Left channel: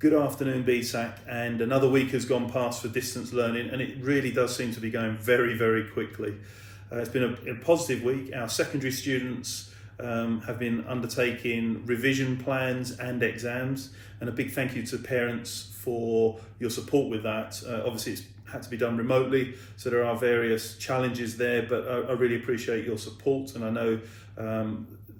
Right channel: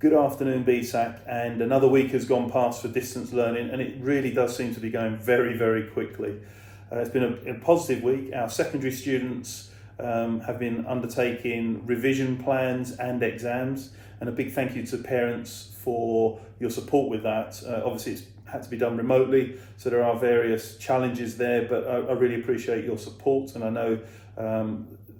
Good afternoon, BSAC, and another week has gone past for distance learning, and it really does seem to be going very, very quickly. It's been a positive week. Our secondary students have been undertaking revision plans and exams, and a big thank you to parents for your support with that. Obviously, it's had to be done remotely, so there are various challenges there, but I really appreciate your support, and I know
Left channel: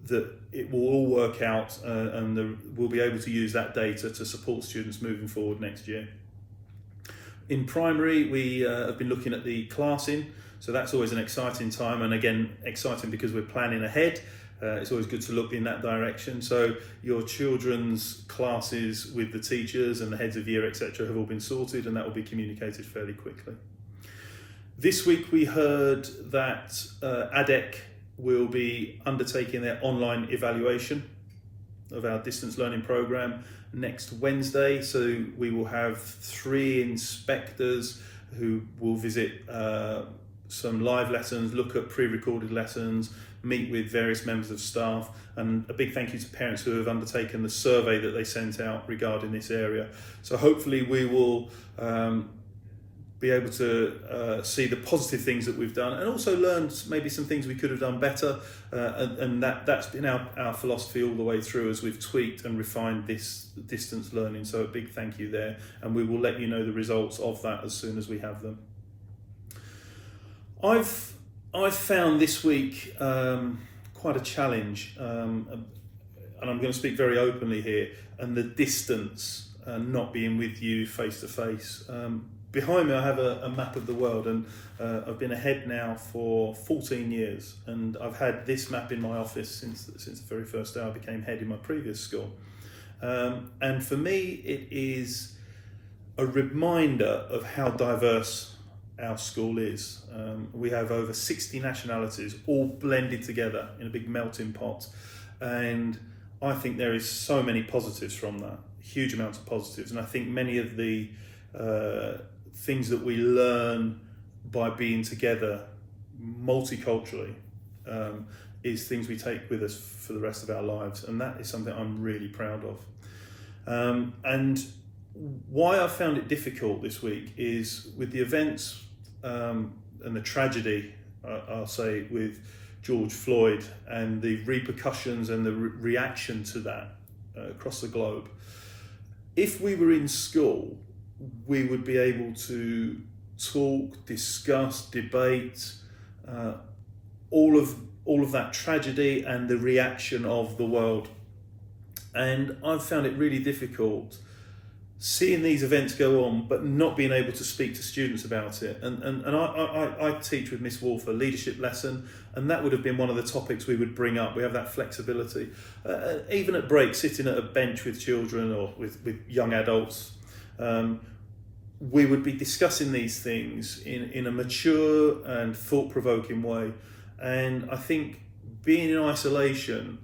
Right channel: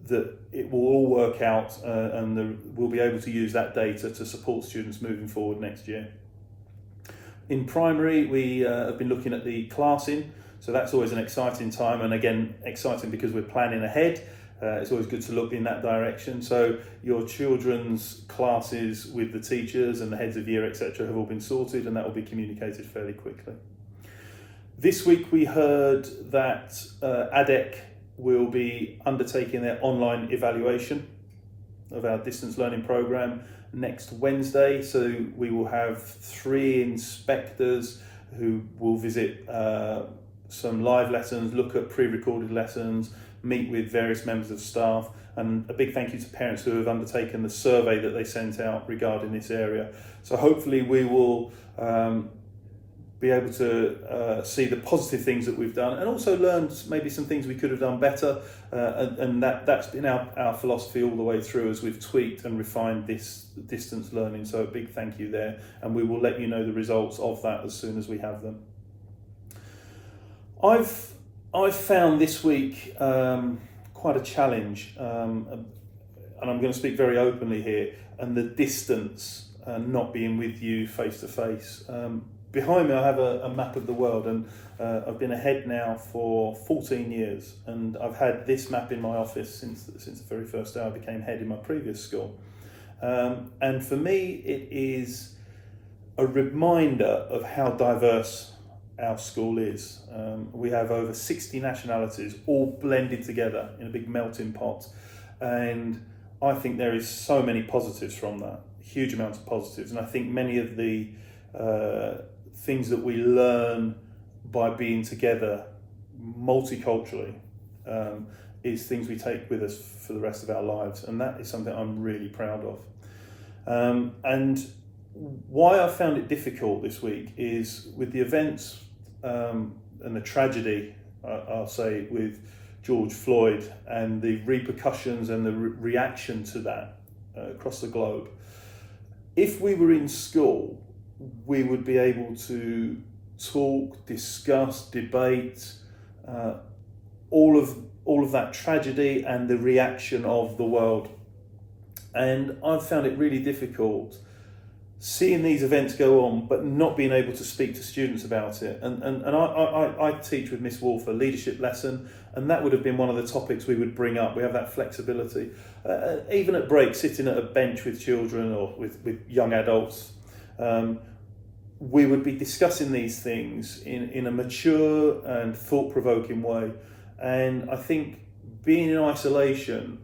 that it will all work out and we'll be able to use that data to support students moving forward next year. In primary, we have been looking at the classing, so that's always an exciting time, and again, exciting because we're planning ahead. It's always good to look in that direction. So your children's classes with the teachers and the heads of year, etc., have all been sorted, and that will be communicated fairly quickly. This week we heard that ADEC will be undertaking their online evaluation of our distance learning program next Wednesday. So we will have 3 inspectors who will visit some live lessons, look at pre-recorded lessons, meet with various members of staff, and a big thank you to parents who have undertaken the survey that they sent out regarding this area. So hopefully we will be able to see the positive things that we've done, and also learn maybe some things we could have done better, and that's been our philosophy all the way through as we've tweaked and refined this distance learning. So a big thank you there, and we will let you know the results of that as soon as we have them. I've found this week quite a challenge, and I'm going to speak very openly here, and the distance not being with you face to face. Behind me I have a map of the world, and I've been a head now for 14 years, and I've had this map in my office since the very first day I became head in my previous school. And for me it is a reminder of how diverse our school is. We have over 60 nationalities all blended together in a big melting pot, and I think there is so many positives from that, huge amounts of positives, and I think many of the things that we learn by being together multiculturally is things we take with us for the rest of our lives, and that is something I'm really proud of. And why I found it difficult this week is with the events and the tragedy, I'll say, with George Floyd and the repercussions and the reaction to that across the globe. If we were in school, we would be able to talk, discuss, debate all of that tragedy and the reaction of the world. And I've found it really difficult seeing these events go on, but not being able to speak to students about it. And I teach with Miss Wolf a leadership lesson, and that would have been one of the topics we would bring up. We have that flexibility. Even at break, sitting at a bench with children or with young adults, we would be discussing these things in a mature and thought-provoking way. And I think being in isolation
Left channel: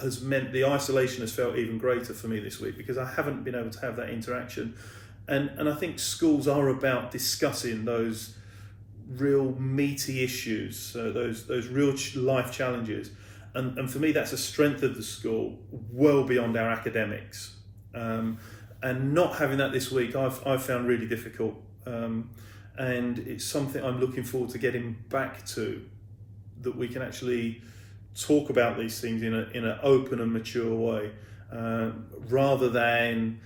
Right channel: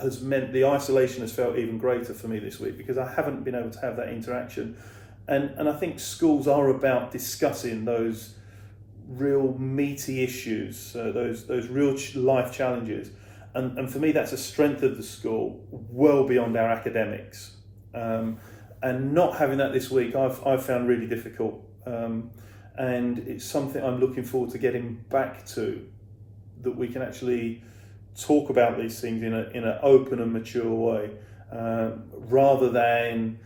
has meant the isolation has felt even greater for me this week, because I haven't been able to have that interaction. And I think schools are about discussing those real meaty issues, those real life challenges. And for me, that's a strength of the school, well beyond our academics. And not having that this week, I've found really difficult. And it's something I'm looking forward to getting back to, that we can actually talk about these things in an open and mature way, rather than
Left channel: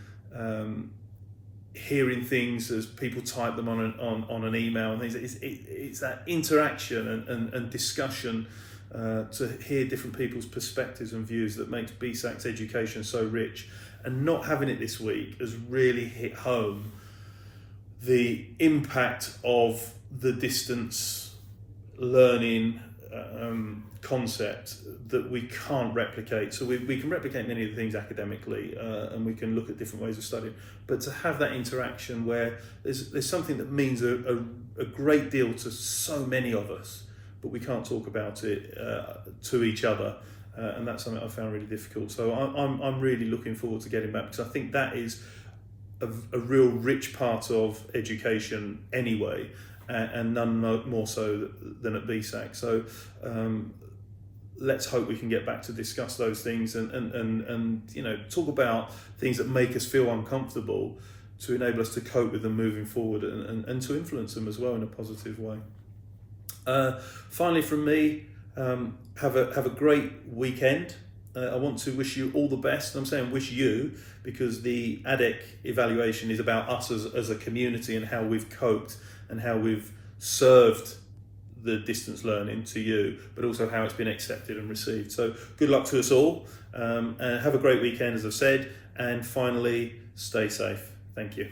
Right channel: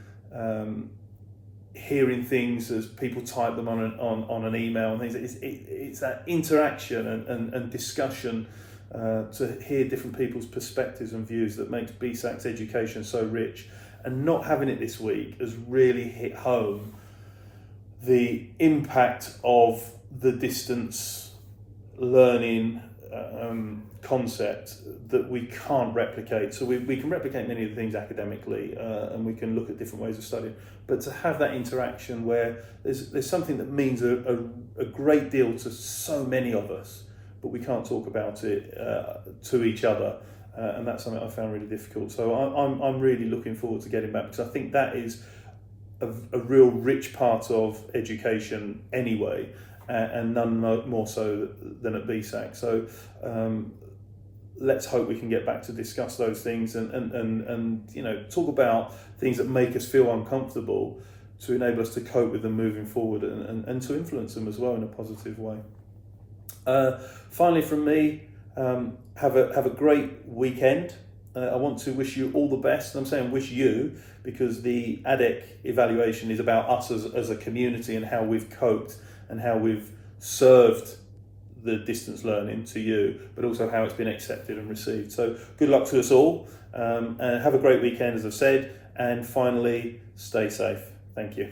hearing things as people type them on an email and things. It's that interaction and discussion to hear different people's perspectives and views that makes BSAC's education so rich. And not having it this week has really hit home the impact of the distance learning concept that we can't replicate. So we can replicate many of the things academically, and we can look at different ways of studying, but to have that interaction where there's something that means a great deal to so many of us, but we can't talk about it to each other, and that's something I found really difficult. So I'm really looking forward to getting back, because I think that is a real rich part of education anyway, and none more so than at BSAC. So let's hope we can get back to discuss those things and you know, talk about things that make us feel uncomfortable to enable us to cope with them moving forward and to influence them as well in a positive way. Finally from me, have a great weekend. I want to wish you all the best. And I'm saying wish you because the ADEC evaluation is about us as a community and how we've coped and how we've served the distance learning to you, but also how it's been accepted and received. So good luck to us all, and have a great weekend, as I've said, and finally, stay safe. Thank you.